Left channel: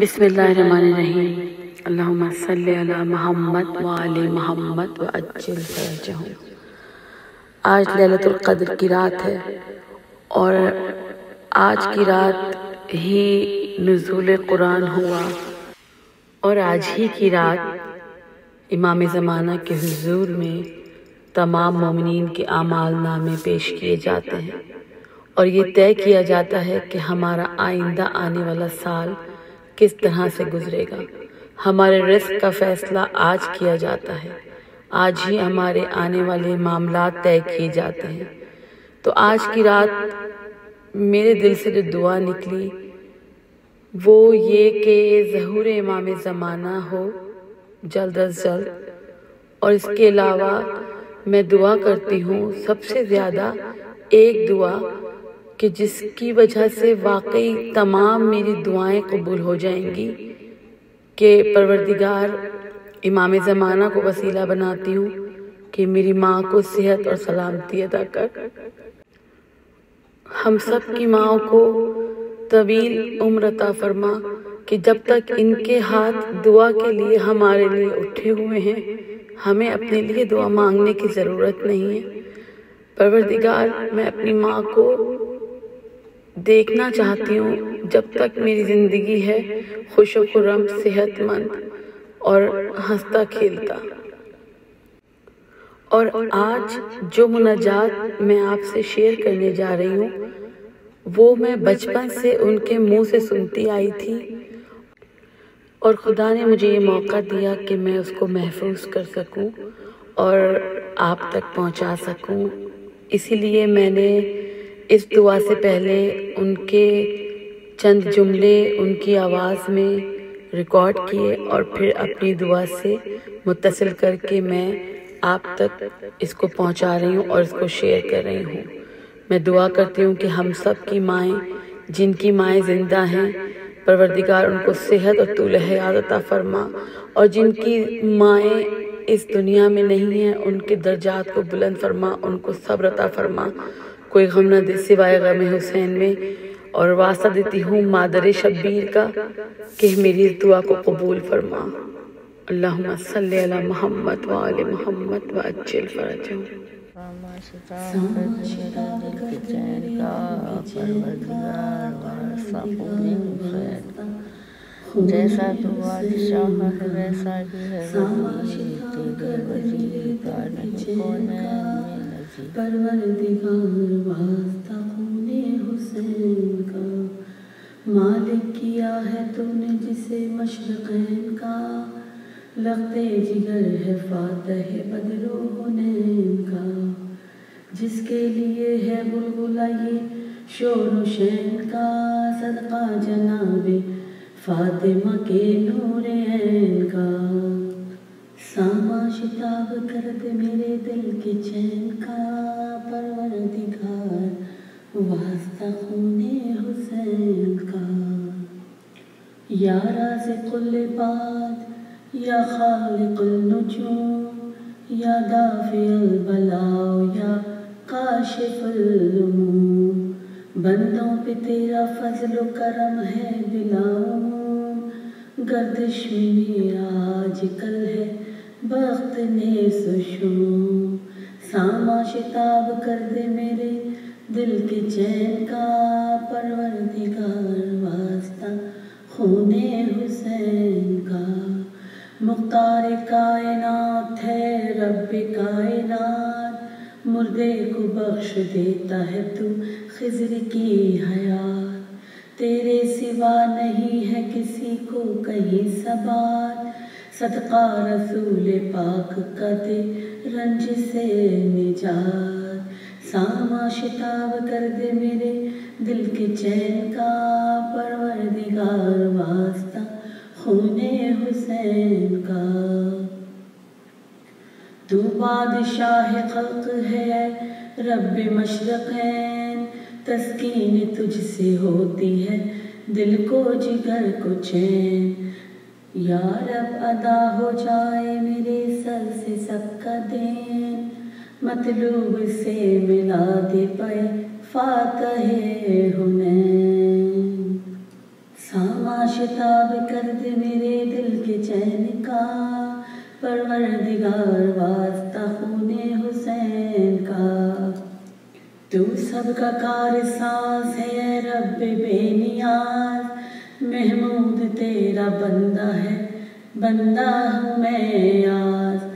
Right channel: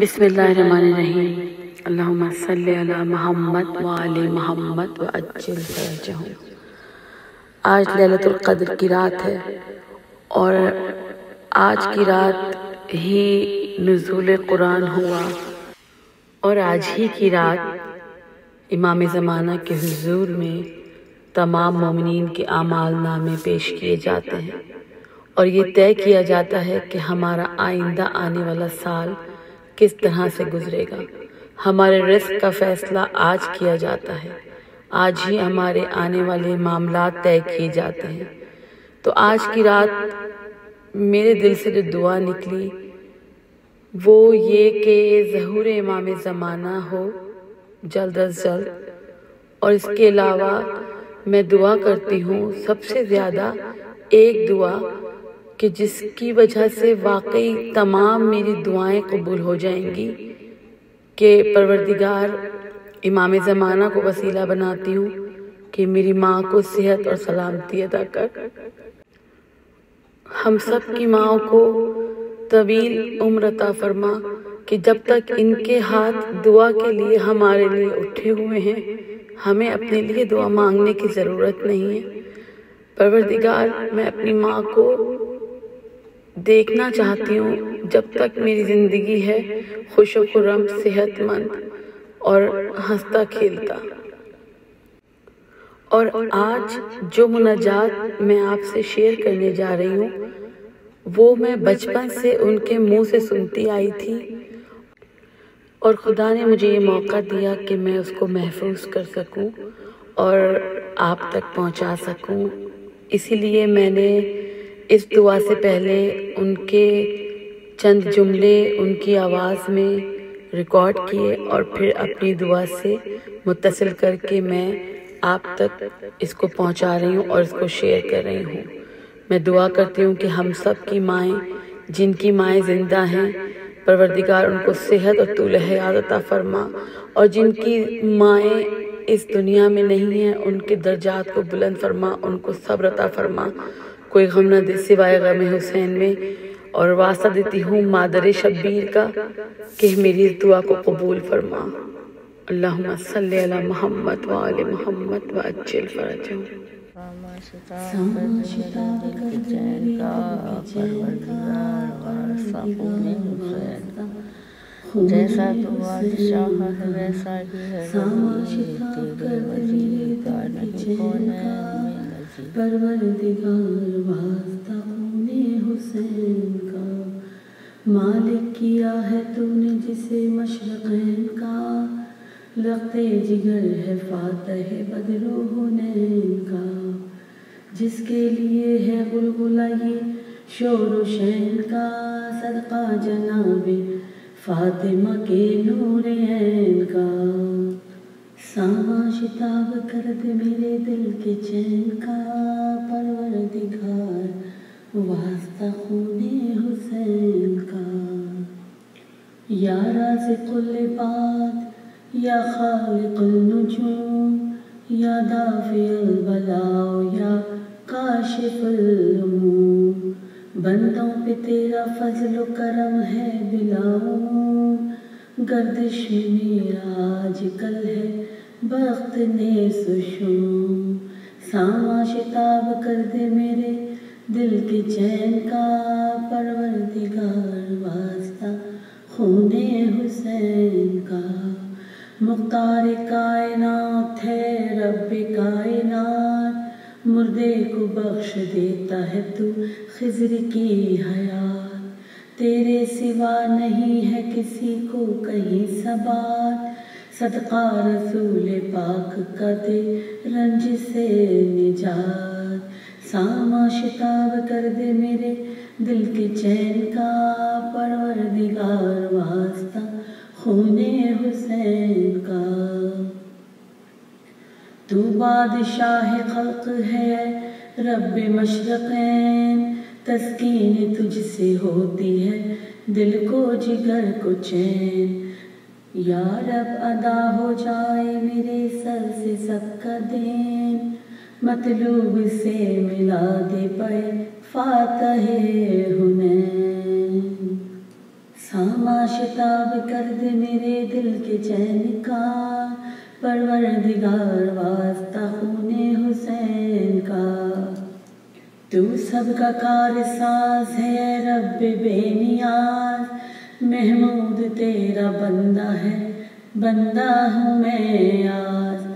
بسم اللہ الرحمن الرحیم۔ اللہم صلی علی محمد وآل محمد وعجل فرجہم۔ آج لیلۃ القدر کی رات ہے اور آج کی رات ہی نزول قرآن ہوا اور آج ہی کی رات امام زمانہ کے حضور میں تمام مومنین کے اعمال نامے پیش کیے جاتے ہیں اور یہ طے کیا جاتا ہے کہ ہمارا آئندہ آنے والا سال کس طرح سے گزرے گا۔ ہمارے رزق کا فیصلہ آج کیا جاتا ہے، آج ہی ہمارے آنے والے معاملات طے کیے جاتے ہیں۔ تو آج کی رات میرے دل سے جو دعا نکلی وہ یہ کہ ظہور امام زمانہ ہو جلد از جلد، اور اس کے علاوہ میں دعا کرتی ہوں سب سے زیادہ ایک دعا کہ جس کی وجہ سے واقعی تمام میری دعائیں قبول ہو جائیں گی، کہ پروردگار امام زمانہ کو وسیلہ بناتی ہوں کہ میری ماں کو صحت اور سلامتی عطا کر، ہم سب کی ماں کو طویل عمر عطا فرما، کہ جب تک ان کے ہاتھ دعا کے لیے ہمارے لیے اٹھے ہوئے ہیں ہمیں اپنے لیے دعا مانگنے کی ضرورت نہیں ہے۔ پروردگار میں اپنی ماں کو دیکھنا چاہتی ہوں جب تک میری زندگی ہے، خوش و خرم، صحت مند اور ہنستا کھیلتا۔ اور آج جو مناجات میں آپ سے شیئر کرنے جا رہی ہوں وہ میں بچپن سے ان کے منہ سے سنتی آئی تھی اور خدا نے مجھے یہ موقع دیا کہ میں اس کو محفوظ کر سکوں اور آپ تک پہنچا سکوں۔ اسی لیے میں نے اس دعا سے پہلے ان کے چند جملے ان کی آواز میں ریکارڈ کیے اور پھر اپنی دعا سے متصل کر کے میں آپ تک اس کو پہنچا رہی ہوں اور اس کو شیئر کر رہی ہوں۔ میں دعا کرتی ہوں کہ ہم سب کی مائیں، جن کی مائیں زندہ ہیں، پروردگار ان کو صحت اور طول حیات عطا فرما، اور جن کی مائیں اس دنیا میں نہیں ہیں ان کے درجات کو بلند فرما، ان کو صبر عطا فرما، کوئی غم نہ دے سوائے غم حسین میں۔ اور واسطہ دیتی ہوں مادر شبیر کا کہ میری اس دعا کو قبول فرما۔ اللہم صلی علی محمد وآل محمد وعجل فرجہم۔ میرے دل کے چین کا پروردگار واسطہ خون حسین کا، جیسا تو بادشاہ ہے ویسا ہی ہے وزیر، تیرے وزیر کا نہیں کونین میں نظیر۔ پروردگار واسطہ خون حسین کا، مالک کیا ہے تو نے جسے مشرقین کا، لخت جگر ہے فاتح بدر و حنین کا، جس کے لیے ہے غلغلہ یہ شور و شین کا، صدقہ جناب فاطمہ کے نور عین کا۔ ساما شتاب کر دے میرے دل کے چین کا، پروردگار واسطہ خون حسین کا۔ یا رازق العباد یا خالق النجوم، یا دافع البلاء یا کاشف الغموم، بندوں پہ تیرا فضل و کرم ہے بلا عموم، گردش میں میرا آج کل ہے بخت نیس و شوم۔ ساما شتاب کر دے میرے دل کے چین کا، پروردگار واسطہ خون حسین کا۔ مختار کائنات ہے رب کائنات، مردے کو بخش دیتا ہے تو خضر کی حیات، تیرے سوا نہیں ہے کسی کو کہیں ثبات، صدقہ رسول پاک کا دے رنج سے نجات۔ ساما شتاب کر دے میرے دل کے چین کا، پروردگار واسطہ خون حسین کا۔ تو بادشاہ خلق ہے رب مشرقین، تسکین تجھ سے ہوتی ہے دل کو جگر کو چین، یا رب ادا ہو جائے میرے سر سے سب کا دین، مطلوب سے ملا دے پائے فاتح حنین۔ ساما شتاب کر دے میرے دل کے چین کا، پروردگار واسطہ خون حسین کا۔ تو سب کا کار ساز ہے اے رب بے نیاز، محمود تیرا بندہ ہے، بندہ ہوں میں آز۔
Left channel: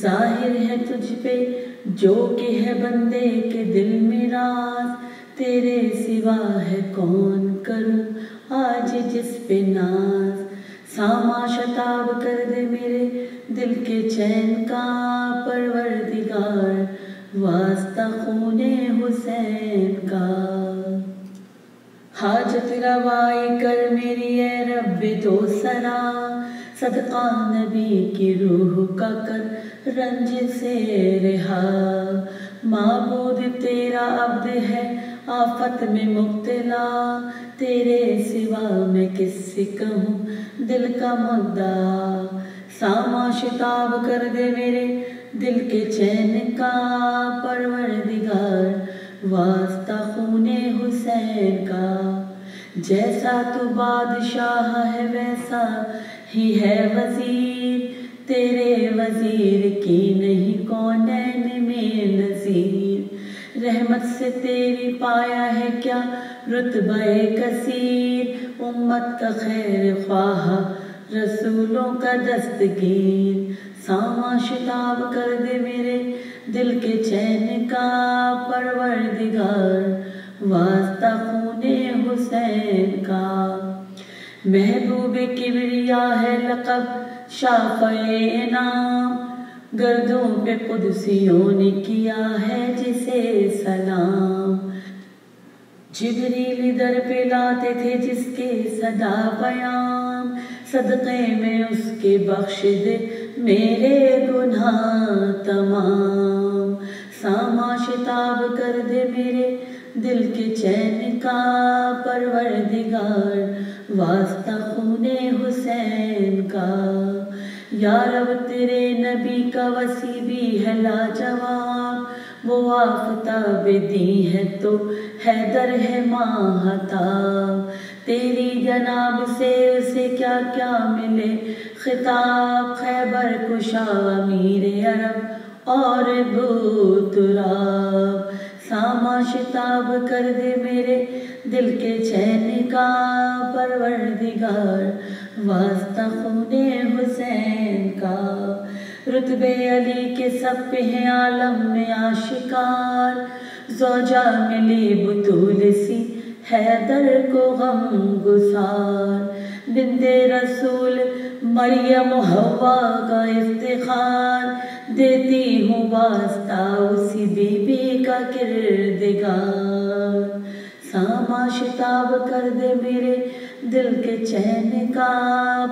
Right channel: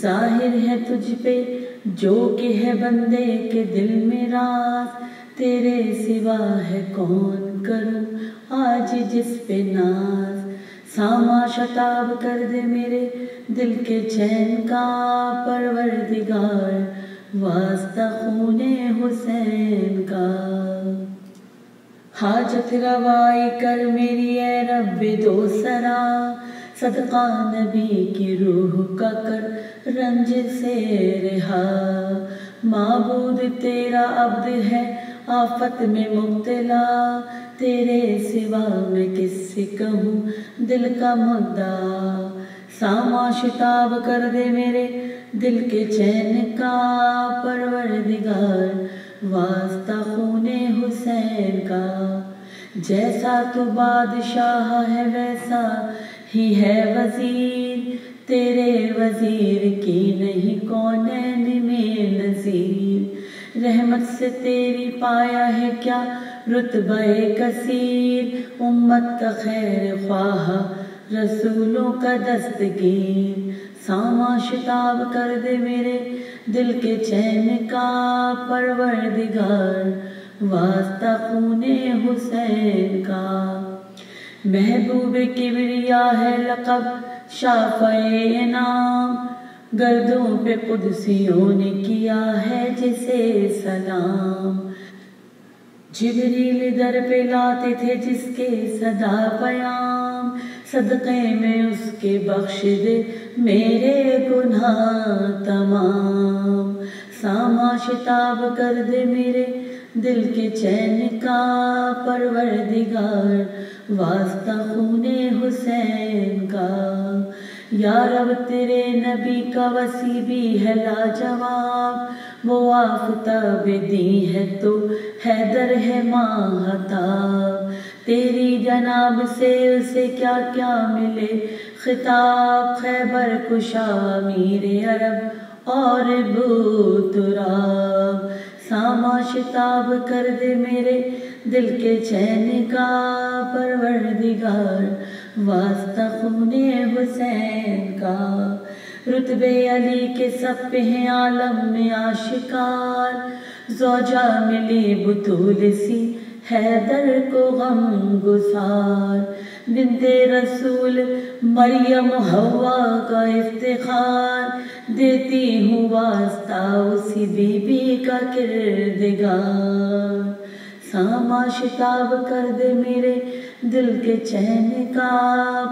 ظاہر ہے تجھ پہ جو کہ ہے بندے کے دل میں راز، تیرے سوا ہے کون کروں آج جس پہ ناز۔ ساما شتاب کر دے میرے دل کے چین کا، پروردگار واسطہ خون حسین کا۔ حاجت روائی کر میری اے رب دو سرا، صدقہ نبی کی روح کا کر رنج سے رہا۔ معبود تیرا عبد ہے آفت میں مبتلا، تیرے سوا میں کس سے کہوں دل کا مدعا۔ ساما شتاب کر دے میرے دل کے چین کا، پروردگار واسطہ خون حسین کا۔ جیسا تو بادشاہ ہے ویسا ہی ہے وزیر، تیرے وزیر کی نہیں کونین میں نظیر۔ رحمت سے تیری پایا ہے کیا رتبہ کثیر، امت کا خیر خواہ رسولوں کا دستگیر۔ ساما شتاب کر دے میرے دل کے چین کا، پروردگار واسطہ خون حسین کا۔ محبوب کبریا ہے لقب شافع انعام، گردوں پہ قدسیوں نے کیا ہے جسے سلام۔ جبریل در پہ لاتے تھے جس کے صدا پیام، صدقے میں اس کے بخش دے میرے گناہ تمام۔ ساما شتاب کر دے میرے دل کے چین کا، پروردگار واسطہ خون حسین کا۔ یا رب تیرے نبی کا وسیع بھی ہے لاجواب، وہ آفتاب دی ہے تو حیدر ہے ماہتاب۔ تیری جناب سے اسے کیا کیا ملے خطاب، خیبر کشا امیر عرب اور ابو تراب۔ ساما شتاب کر دے میرے دل کے چین کا، پروردگار واسطہ خون حسین کا۔ رتبے علی کے سب پہ ہیں عالم میں آشکار، زوجہ ملی بطول سی حیدر کو غم گسار۔ بنت رسول مریم حوا کا افتخار، دیتی ہوں واسطہ اسی بی بی کا کردگار۔ ساما شتاب کر دے میرے دل کے چین کا،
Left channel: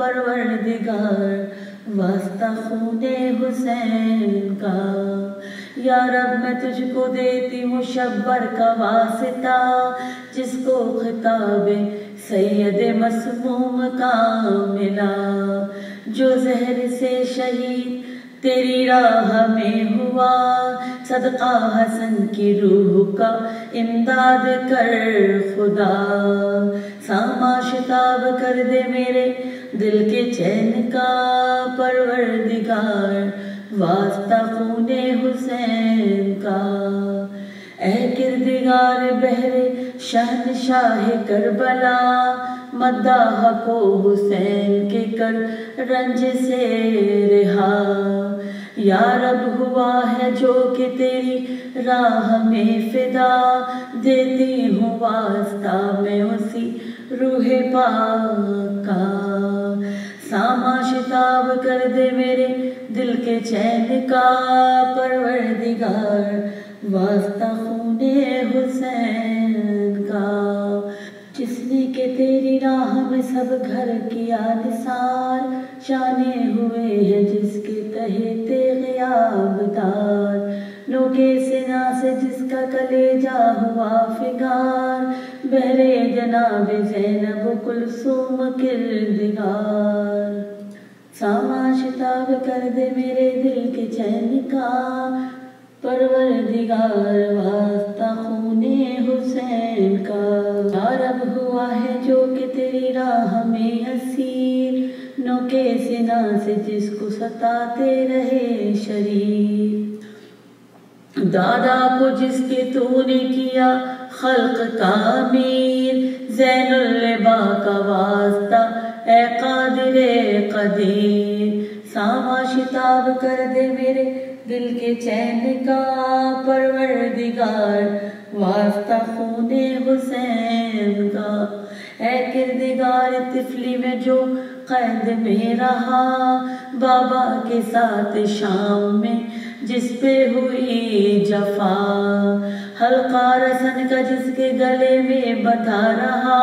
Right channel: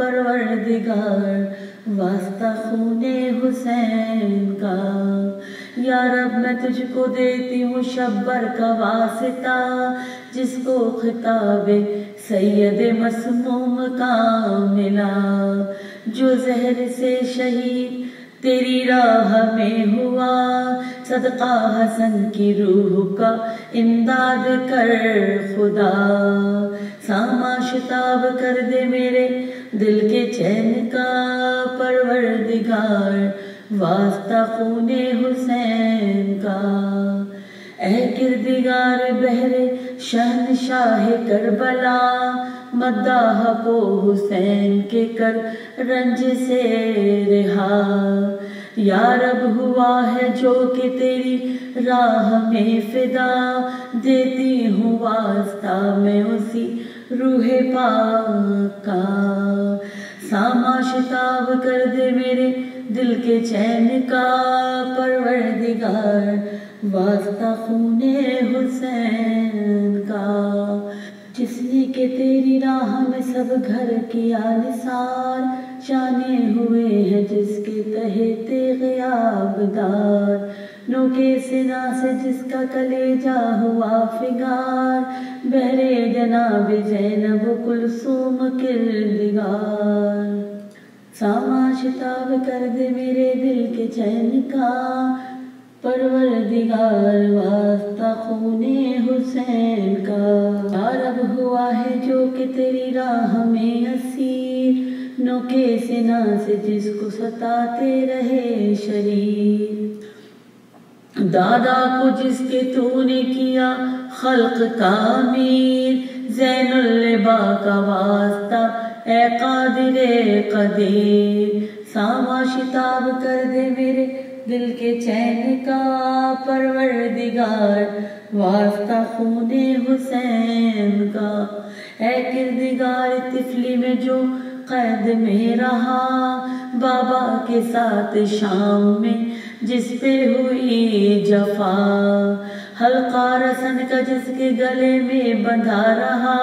پروردگار واسطہ خون حسین کا۔ یا رب میں تجھ کو دیتی ہوں شبر کا واسطہ، جس کو خطاب سید مسموم کا ملا۔ جو زہر سے شہید تیری راہ میں ہوا، صدقہ حسن کی روح کا امداد کر خدا۔ ساما شتاب کر دے میرے دل کے چین کا، پروردگار واسطہ خون حسین کا۔ اے کردگار بہر شہنشاہ کربلا، مداح کو حسین کے کر رنج سے رہا۔ یا رب ہوا ہے جو کہ تیری راہ میں فدا، دیتی ہوں واسطہ میں اسی روح پاک کا۔ ساما شتاب کر دے میرے دل کے چین کا، پروردگار واسطہ خون حسین کا۔ جس نے کہ تیری راہ میں سب گھر کیا نثار، شانے ہوئے ہیں جس کے تہے تیغ آبدار۔ نوکے سنا سے جس کا کلیجہ ہوا فگار، بہرے جناب زینب کلثوم کردگار۔ ساما شتاب کر دے میرے دل کے چین کا، پروردگار واسطہ خون حسین کا۔ یا رب ہوا ہے جو کہ تیری راہ ہمیں اسیر نوکے سنا سے جس کو ستاتے رہے شریر، دادا کو جس کے تو نے کیا خلق کا امیر، زین اللبا کا واسطہ اے قادر قدیر، ساما شتاب کر دے میرے دل کے چین کا پروردگار، واسطہ خون حسین کا، اے کردگار طفلی میں جو قید میں رہا، بابا کے ساتھ شام میں جس پہ ہوئی جفا، حلقہ رسن کا جس کے گلے میں بندھا رہا،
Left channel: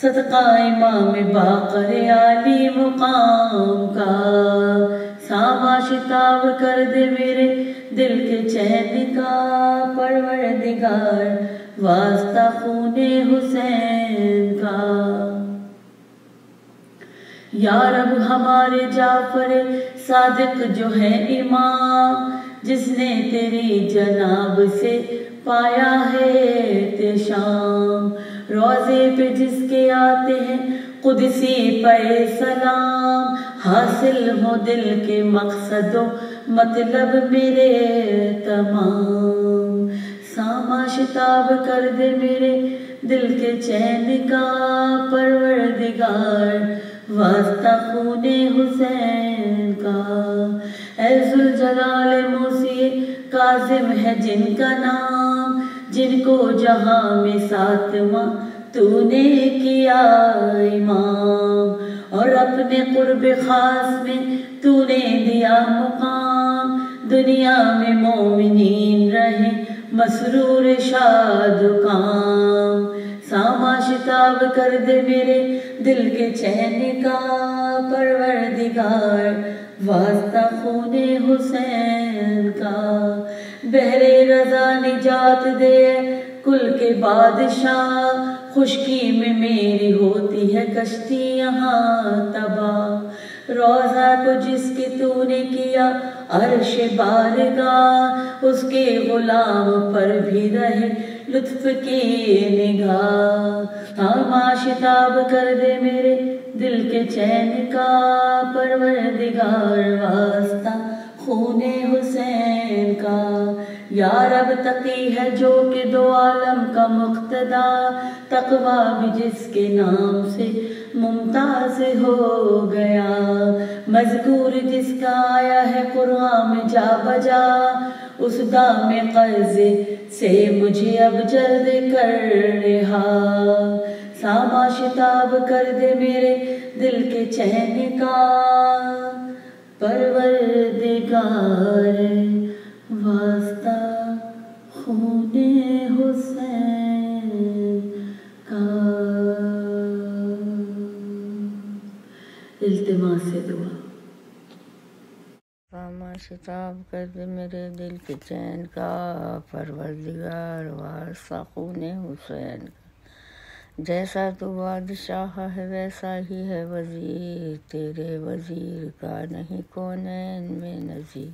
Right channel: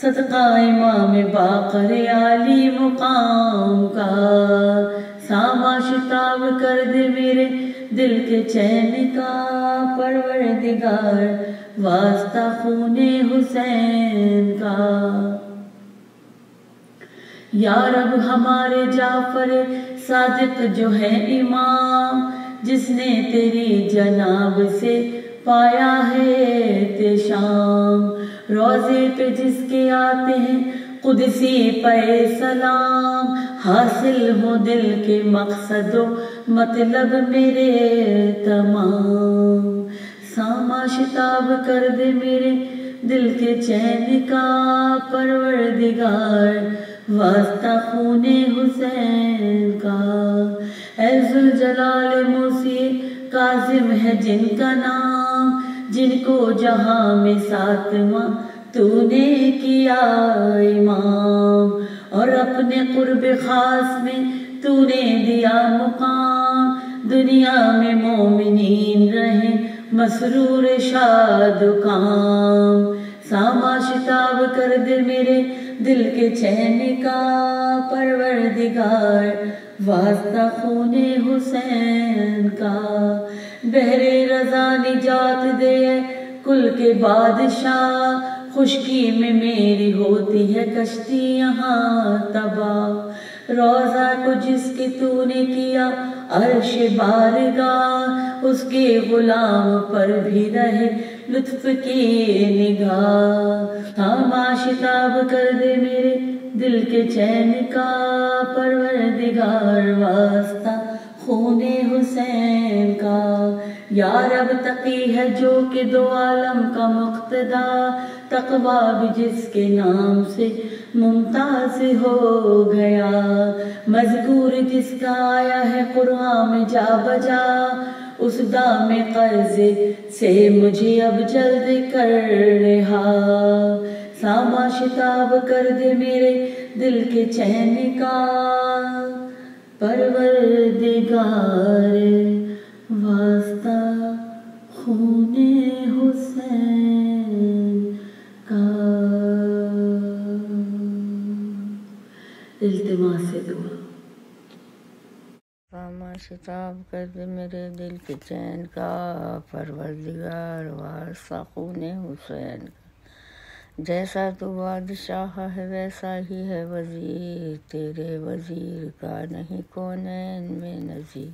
صدقہ امام باقر عالی مقام کا، ساما شتاب کر دے میرے دل کے چین کا پروردگار، واسطہ خون حسین کا، یا رب ہمارے جعفر صادق جو ہے امام، جس نے تیری جناب سے پایا ہے تشام، روزے پہ جس کے آتے ہیں قدسی پہ سلام، حاصل ہو دل کے مقصد و مطلب میرے تمام، ساما شتاب کر دے میرے دل کے چین کا پروردگار، واسطہ خون حسین کا، اے ذوالجلال موسی کاظم ہے جن کا نام، جن کو جہاں میں ساتواں تو نے کیا امام، اور اپنے قرب خاص میں تو نے دیا مقام، دنیا میں مومنین رہیں مسرور شاد و کام، ساما شتاب کر دے میرے دل کے چین کا پروردگار، واسطہ خون حسین کا، بحر رضا نجات دے کل کے بادشاہ، خشکی میں میری ہوتی ہے کشتی یہاں تباہ، روزہ کو جس کی تو نے کیا عرش بارگاہ، اس کے غلام پر بھی رہے لطف کی نگاہ، ساما شتاب کر دے میرے دل کے چین کا پروردگار، واسطہ خون حسین کا، یا رب تقی ہے جو کہ دو عالم کا مقتدا، تقویٰ بھی جس کے نام سے ممتاز ہو گیا، مذکور جس کا آیا ہے قرآن میں جا بجا، اس دام قرض سے مجھے اب جلد کر رہا، ساما شتاب کر دے میرے دل کے چین کا پروردگار، واسطہ خون حسین کا، التماس دعا، ساما شتاب کر دے میرے دل کے چین کا پروردگار، واسطہ خون حسین کا، جیسا تو بادشاہ ہے ویسا ہی ہے وزیر، تیرے وزیر کا نہیں کونین میں نظیر،